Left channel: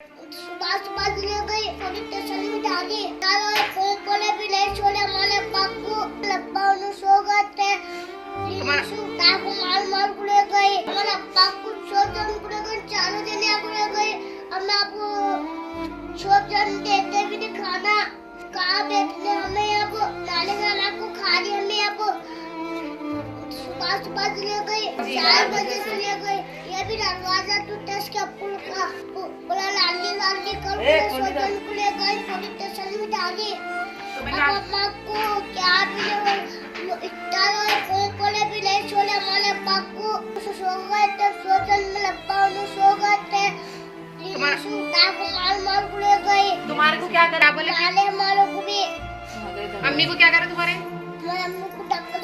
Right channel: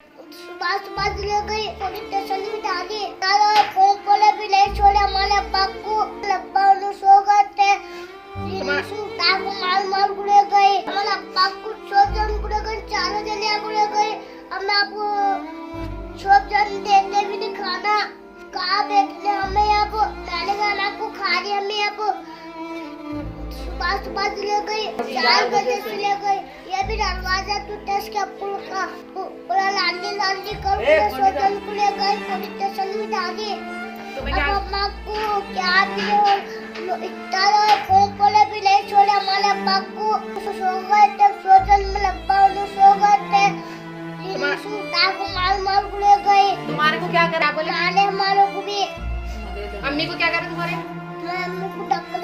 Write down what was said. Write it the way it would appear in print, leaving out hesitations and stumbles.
सुबह सुबह ले गई पुलिस स्टेशन में डाली तारा फोन पर भी नहीं छोड़ा हमारे अब्बा को अब्बा उन्हें सो गए थे ताको मार मार गुड़े गए हमारे अब्बा को छोजन गुड़े गए चारों जने गुड़े गए हम आपको छोजन देते भी नहीं खाना कहाँ बैठने हमें अब नाले खाना को खा रही हमें अब सुबह सुबह ले गई 4 बजे से ले गई ये भी दरवाजा टूटा इसका पुल का पूरा लांडी लांडी कर पूरा सोजन को ले गई पुलिस स्टेशन में डाली अब अम्मा को क्या भी इतना फोन पर भी नहीं छोड़े हमारे अब्बा को सो गए थे सोजन में अब्बा उन्हें सो गए थे को मार मार गुड़े गए। तुम्हारे को क्या करा बोले? नाले हमारे को भी। अम्मी को क्या करा तुम्हारे? हमारे अम्मी को टक्कर